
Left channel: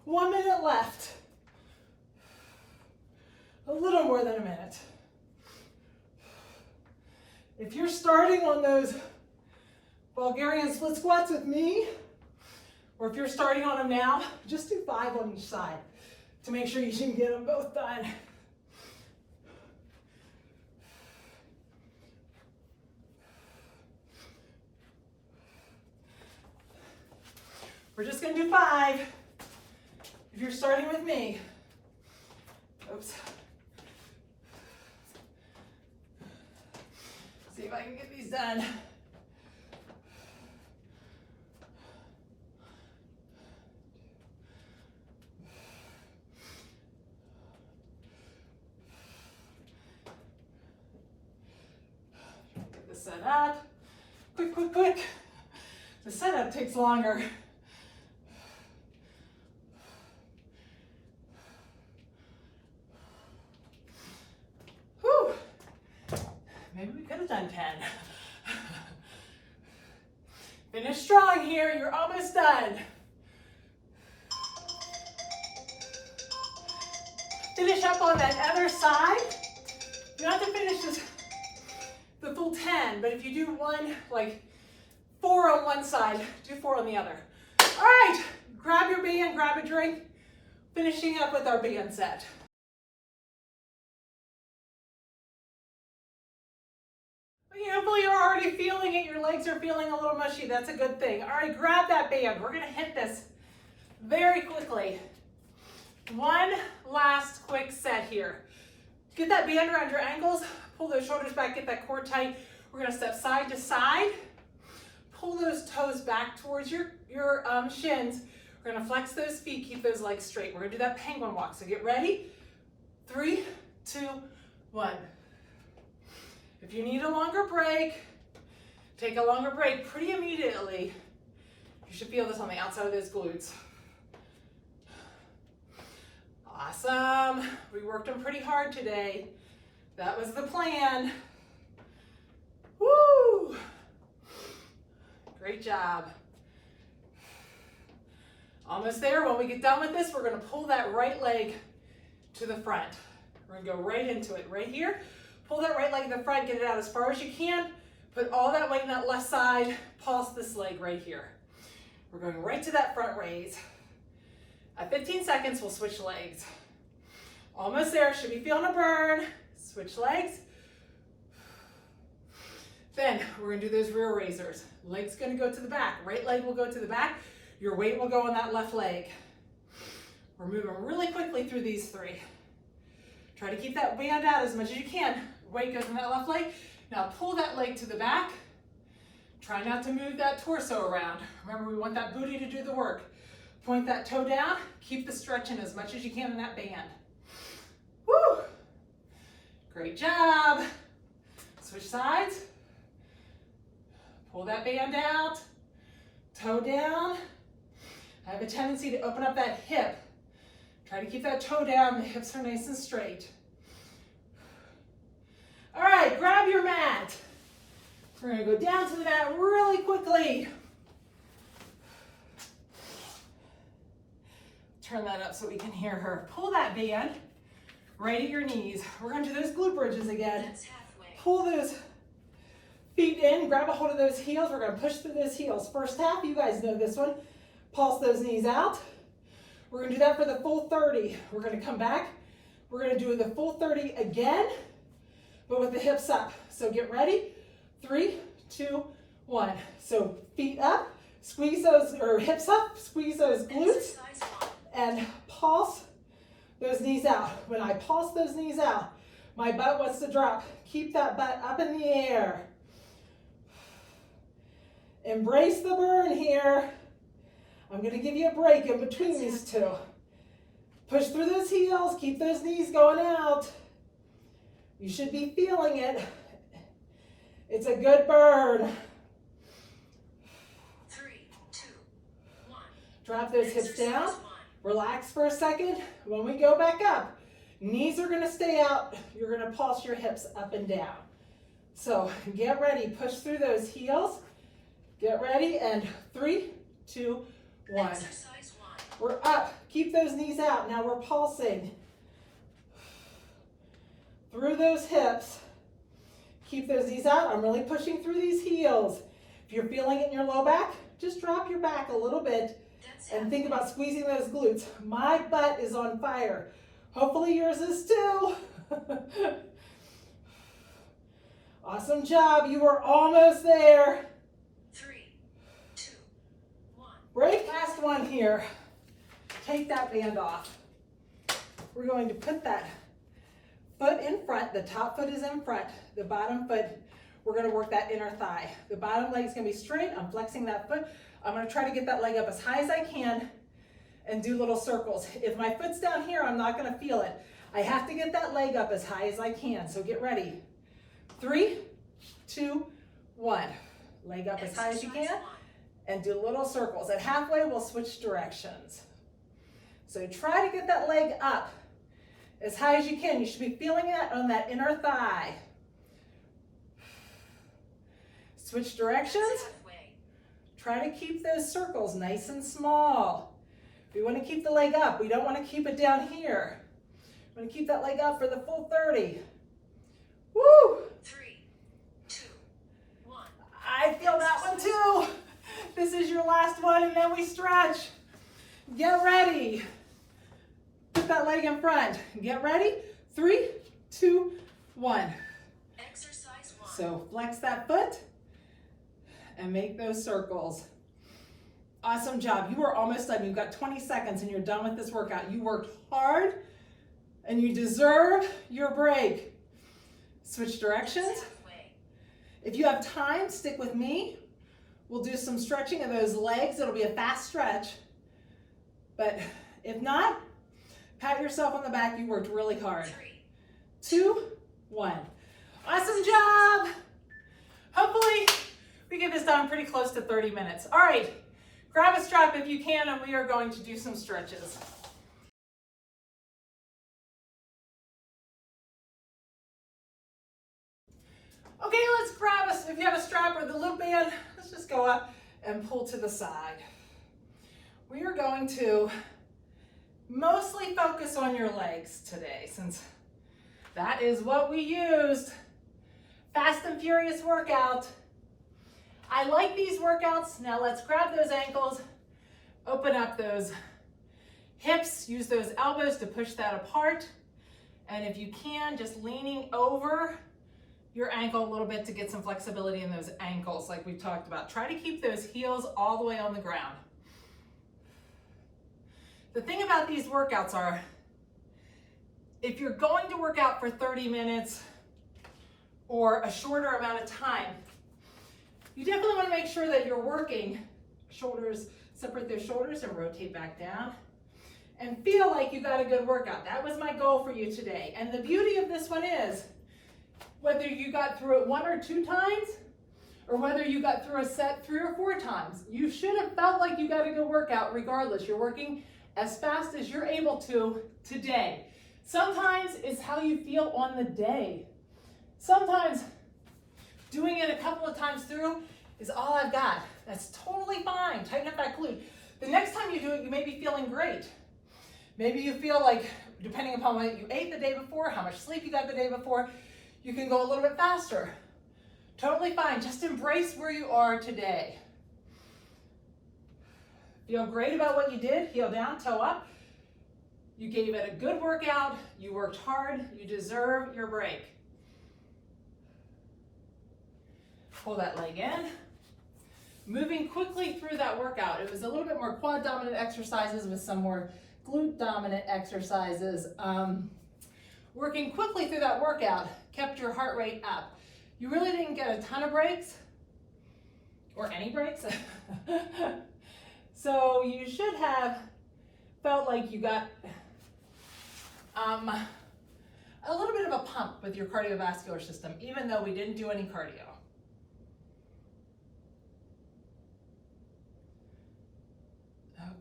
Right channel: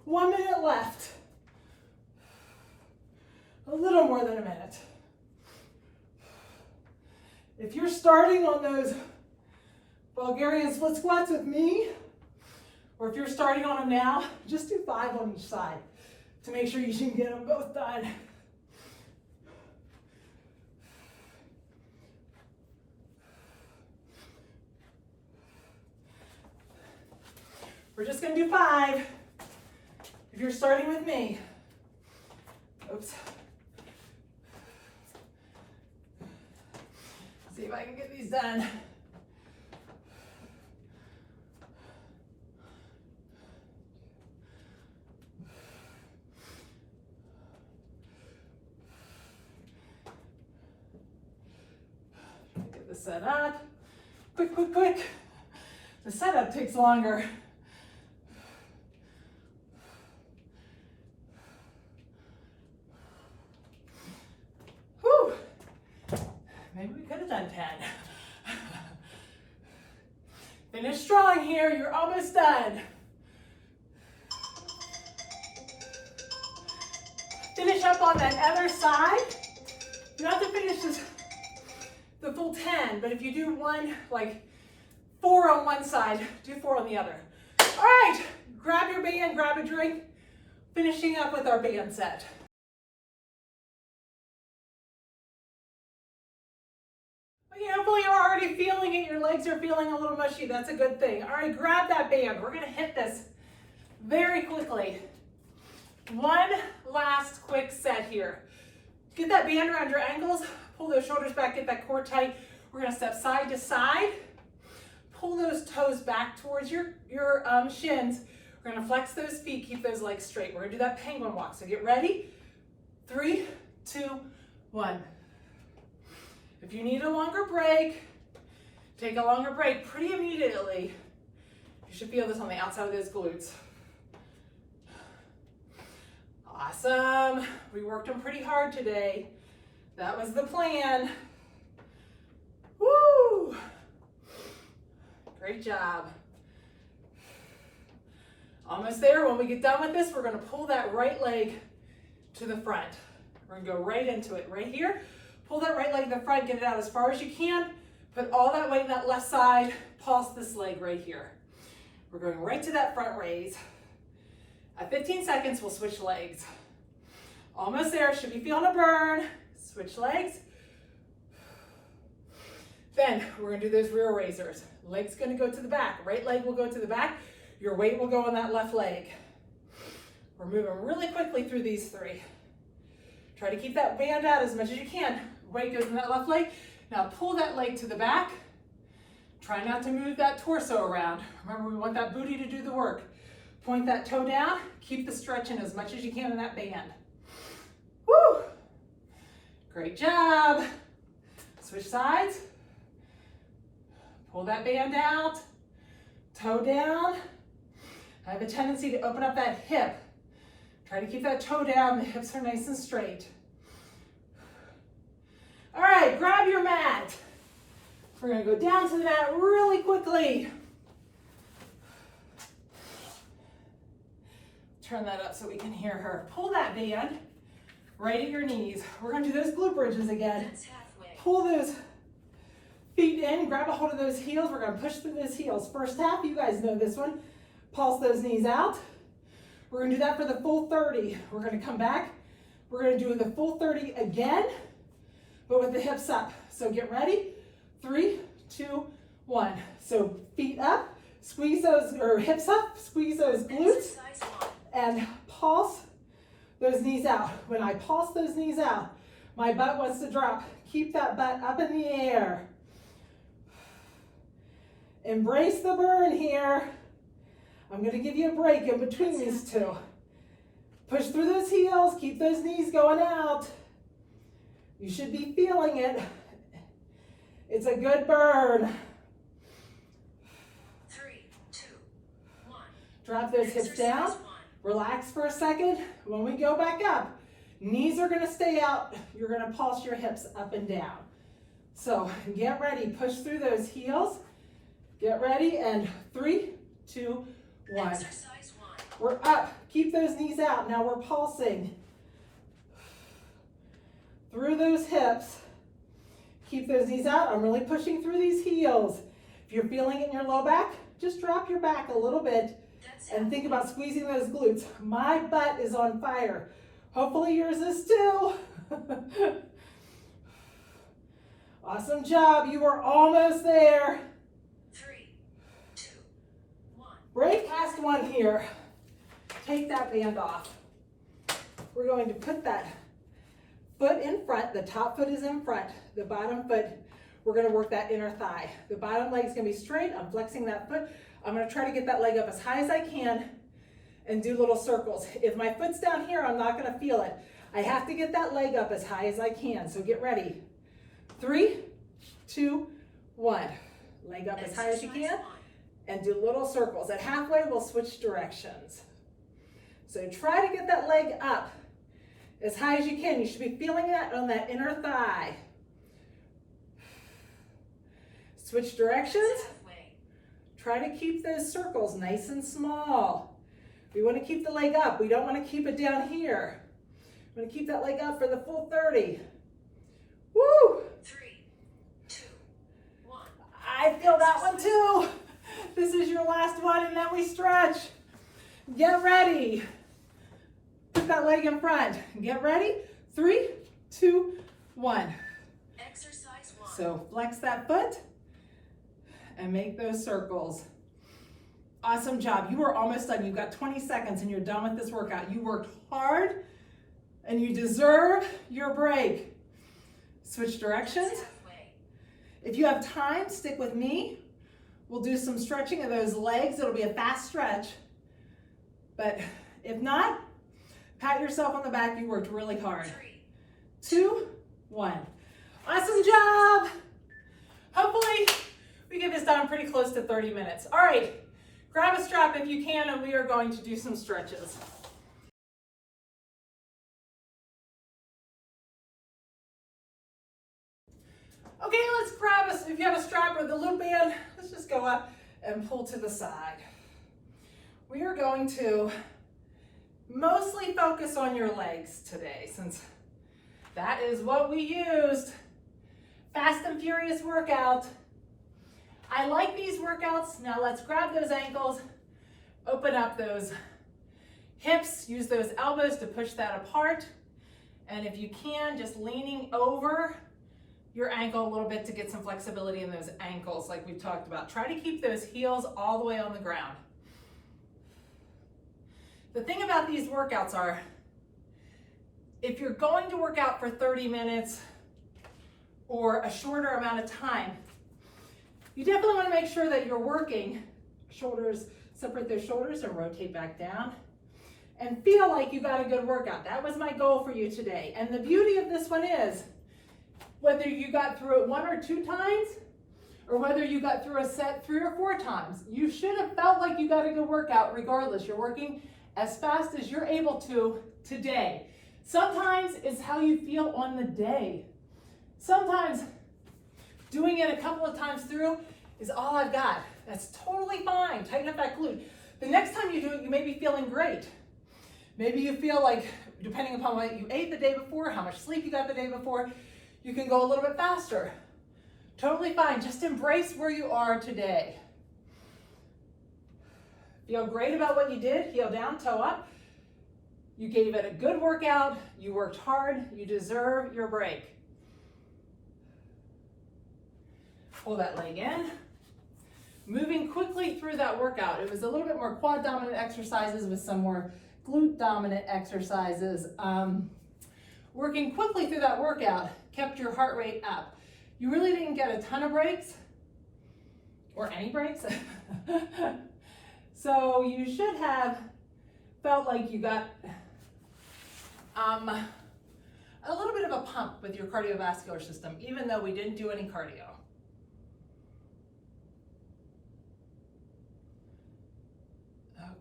1 minute left. A little more than a minute. If you're starting on those Bulgarian Split Squats with me, or if you're starting on them now, just do 5 on each side to make sure you can get them both done. We're just gonna do 5 if you're starting with me. Oops. See if I can get these done. Get this set up. Quick, quick, quick. The setup takes longer. Maybe we could have done 10. Finish strong here, you're almost done. Finish up on that other side. You don't have to finish the full 10, but if you do one, like 4 on one side, do 4 on the other. All right, grab your band, grab a drink, finishing up with our band set. Hopefully you're already feeling it. Your legs are feeling a little mushy. That's a good thing. All right, grab that band. We're going to hit this very quickly. One last quick set here. Get that band around your ankles. Pull those shoulders back. Get that core tight. We're going to step side to side. Pull those toes back towards your shins. We're going to flex those feet. Keep those legs straight. We're going to do that penguin walk. So get ready. 3, 2, 1. If you need a longer break, take a longer break pretty immediately. You should feel this on the outside of those glutes. Awesome. We worked them pretty hard today. That was the plan. Woo! Great job. Almost there. When we get done with this, we're going to pull that right leg to the front. We're going to go right into it, right here. Pull that right leg to the front, get it out as far as you can. Put all that weight in that left side. Pulse this leg right here. We're going right to that front raise. At 15 seconds, we'll switch legs. Almost there, should be feeling a burn. Switch legs. Then we're gonna do those rear raisers. Leg's gonna go to the back. Right leg will go to the back. Your weight will go on that left leg. We're moving really quickly through these three. Try to keep that band out as much as you can. Weight goes in that left leg. Now pull that leg to the back. Try not to move that torso around. Remember, we want that booty to do the work. Point that toe down. Keep the stretch in as much as you can in that band. Woo! Great job. Switch sides. Pull that band out. Toe down. I have a tendency to open up that hip. Try to keep that toe down. The hips are nice and straight. All right, grab your mat. We're gonna go down to the mat really quickly. Turn that up so we can hear her. Pull that band right at your knees. We're gonna do those glute bridges again. Pull those feet in, grab a hold of those heels. We're gonna push through those heels. First half, you guys know this one. Pulse those knees out. We're gonna do that for the full 30. We're gonna come back. We're gonna do the full 30 again, but with the hips up. So get ready. 3, 2, 1. So feet up, squeeze those, or hips up, squeeze those glutes, and pulse those knees out. When I pulse those knees out, my butt wants to drop. Keep that butt up in the air. Embrace the burn here. I'm gonna give you a break in between these two. Push through those heels, keep those knees going out. You should be feeling it. It's a good burn. 3, 2, 1. Drop those hips down. Relax for a second. When we go back up, knees are gonna stay out. You're gonna pulse your hips up and down. So get ready, push through those heels. Get ready, and 3, 2, 1. Exercise 1. We're up, keep those knees out. Now we're pulsing through those hips. Keep those knees out. I'm really pushing through these heels. If you're feeling it in your low back, just drop your back a little bit and think about squeezing those glutes. My butt is on fire. Hopefully yours is too. Awesome job. You are almost there. 3, 2, 1. Break past one here. Take that band off. We're going to put that foot in front. The top foot is in front. The bottom foot, we're going to work that inner thigh. The bottom leg is going to be straight. I'm flexing that foot. I'm going to try to get that leg up as high as I can and do little circles. If my foot's down here, I'm not going to feel it. I have to get that leg up as high as I can. So get ready. 3, 2, 1. Leg up as high as you can and do little circles. At halfway, we'll switch directions. So try to get that leg up as high as you can. You should be feeling it on that inner thigh. Switch directions. Try to keep those circles nice and small. We want to keep the leg up. We don't want to keep it down here. We want to keep that leg up for the full 30. Woo! 3, 2, 1. I feel that one too. This is your last one, and then we stretch. Get ready. Put that leg in front. Get ready. 3, 2, 1. Exercise 1. So flex that foot and make those circles. Awesome job. You are almost done. You've got 20 seconds and you're done with this workout. You worked hard and you deserve your break. Switch directions. If you have time, stick with me. We'll do some stretching of those legs. It'll be a fast stretch. But if not, pat yourself on the back. You worked really hard. 3, 2, 1. Awesome job. Hopefully we get this done pretty close to 30 minutes. All right, grab a strap if you can, and we are going to do some stretches. Okay, let's grab us, if you have a strap or the loop band, let's just go up and pull to the side. We are going to mostly focus on your legs today, since that is what we used. Fast and furious workout. I like these workouts. Now let's grab those ankles, open up those hips, use those elbows to push that apart. And if you can, just leaning over your ankle a little bit to get some flexibility in those ankles like we've talked about. Try to keep those heels all the way on the ground. The thing about these workouts are, if you're going to work out for 30 minutes or a shorter amount of time, you definitely want to make sure that you're working shoulders, separate those shoulders and rotate back down and feel like you got a good workout. That was my goal for you today. And the beauty of this one is, whether you got through it 1 or 2 times, or whether you got through a set 3 or 4 times, you should have felt like you got a good workout regardless. You're working as fast as you're able to today. Sometimes it's how you feel on the day. Sometimes doing it a couple of times through is all I've got. That's totally fine. Tighten up that glute. The next time you do it, you may be feeling great. Maybe you feel like, depending upon what you ate the day before, how much sleep you got the day before, you can go a little bit faster. Totally fine. Just embrace where you are today. Feel great about what you did. Heel down, toe up. You gave it a good workout. You worked hard. You deserve your break. Pull that leg in. Moving quickly through that workout. It was a little bit more quad dominant exercises with some more glute dominant exercises. Working quickly through that workout kept your heart rate up. You really didn't get a ton of breaks, or any breaks. So you should have felt like you got a little bit of a pump with your cardiovascular system, even though we didn't do any cardio.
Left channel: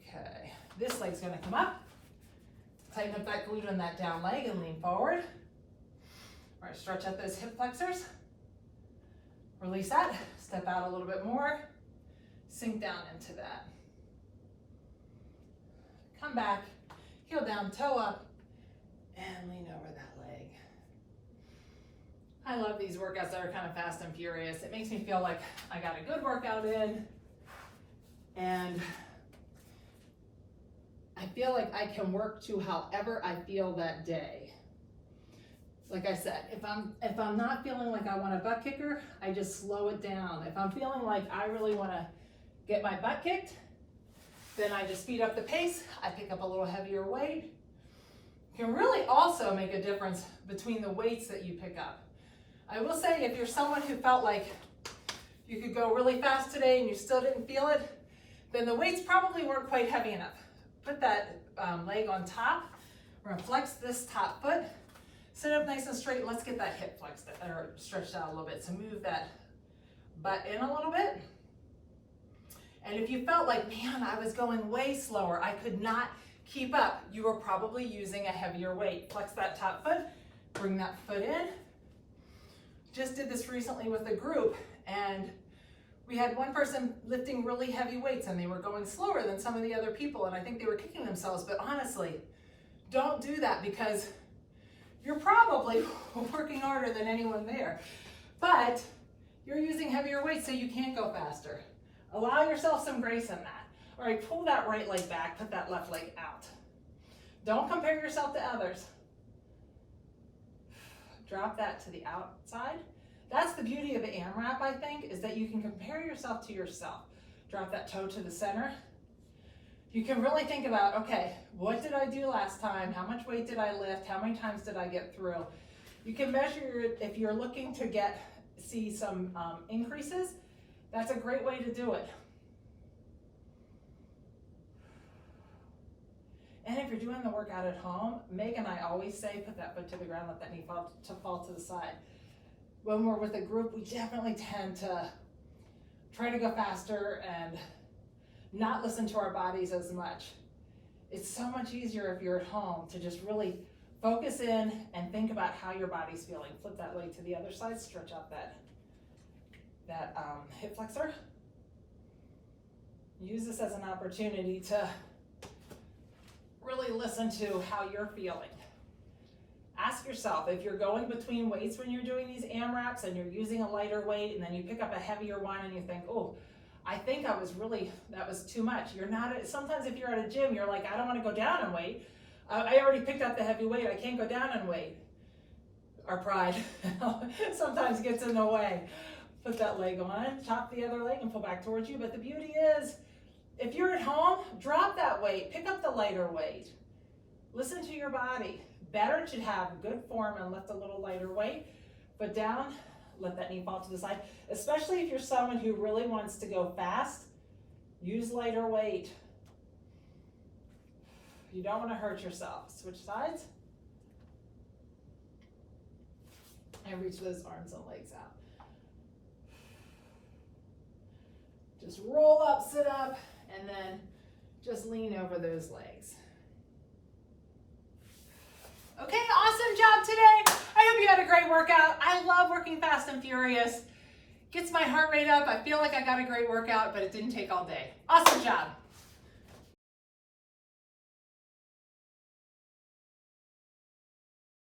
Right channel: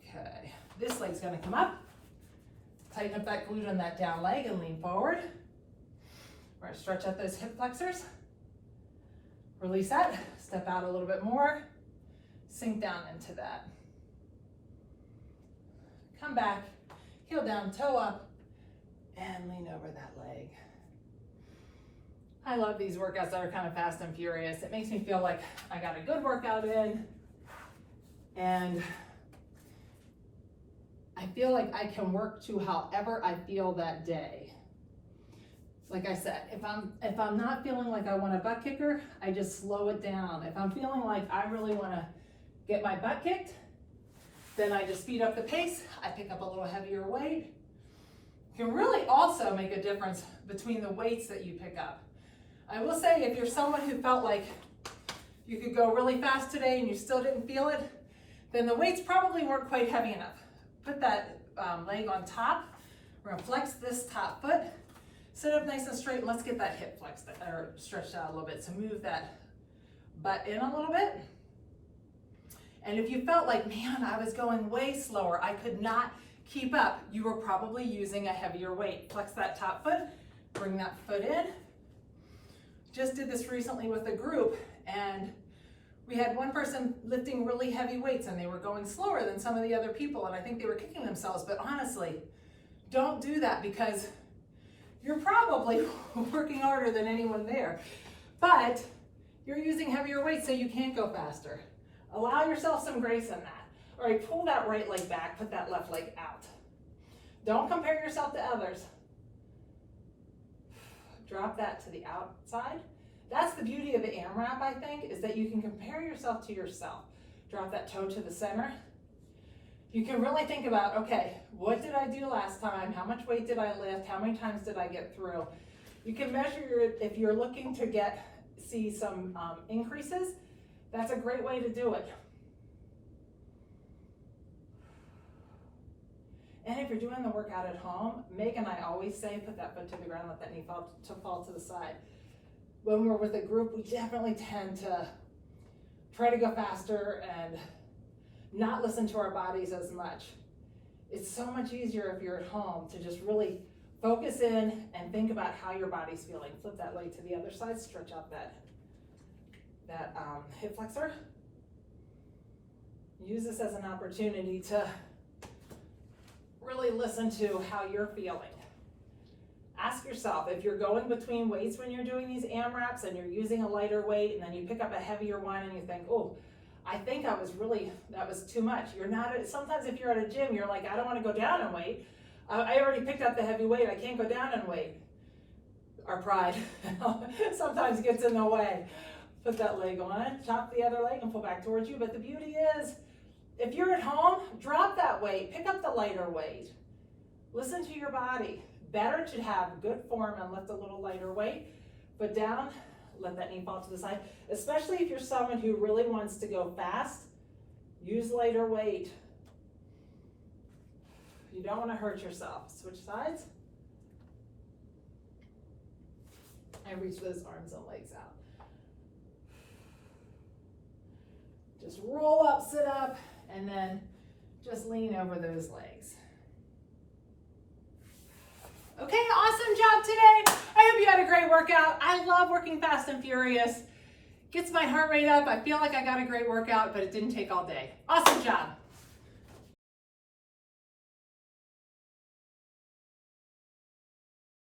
Okay, this leg's gonna come up. Tighten up that glute on that down leg and lean forward. All right, stretch out those hip flexors. Release that, step out a little bit more, sink down into that. Come back, heel down, toe up, and lean over that leg. I love these workouts that are kind of fast and furious. It makes me feel like I got a good workout in, and I feel like I can work to however I feel that day. Like I said, if I'm not feeling like I want a butt kicker, I just slow it down. If I'm feeling like I really want to get my butt kicked, then I just speed up the pace. I pick up a little heavier weight. It can really also make a difference between the weights that you pick up. I will say, if you're someone who felt like you could go really fast today and you still didn't feel it, then the weights probably weren't quite heavy enough. Put that leg on top. We're gonna flex this top foot. Sit up nice and straight, and let's get that hip flexed or stretched out a little bit. So move that butt in a little bit. And if you felt like, man, I was going way slower, I could not keep up, you were probably using a heavier weight. Flex that top foot, bring that foot in. Just did this recently with a group, and we had one person lifting really heavy weights and they were going slower than some of the other people, and I think they were kicking themselves. But honestly, don't do that, because you're probably working harder than anyone there, but you're using heavier weights so you can't go faster. Allow yourself some grace in that. All right, pull that right leg back, put that left leg out. Don't compare yourself to others. Drop that to the outside. That's the beauty of the AMRAP, I think, is that you can compare yourself to yourself. Drop that toe to the center. You can really think about, okay, what did I do last time? How much weight did I lift? How many times did I get through? You can measure it if you're looking to see some increases. That's a great way to do it. And if you're doing the workout at home, Meg and I always say, put that foot to the ground, let that knee fall to the side. When we're with a group, we definitely tend to try to go faster and not listen to our bodies as much. It's so much easier if you're at home to just really focus in and think about how your body's feeling. Flip that leg to the other side, stretch out that hip flexor. Use this as an opportunity to really listen to how you're feeling. Ask yourself, if you're going between weights when you're doing these AMRAPs and you're using a lighter weight and then you pick up a heavier one and you think, oh, I think that was too much. Sometimes if you're at a gym, you're like, I don't want to go down in weight. I already picked up the heavy weight. I can't go down in weight. Our pride sometimes gets in the way. Put that leg on, chop the other leg and pull back towards you. But the beauty is, if you're at home, drop that weight, pick up the lighter weight. Listen to your body. Better to have good form and lift a little lighter weight. Put down, let that knee fall to the side. Especially if you're someone who really wants to go fast, use lighter weight. You don't want to hurt yourself. Switch sides. And reach those arms and legs out. Just roll up, sit up, and then just lean over those legs. Okay, awesome job today. I hope you had a great workout. I love working fast and furious. Gets my heart rate up. I feel like I got a great workout, but it didn't take all day. Awesome job.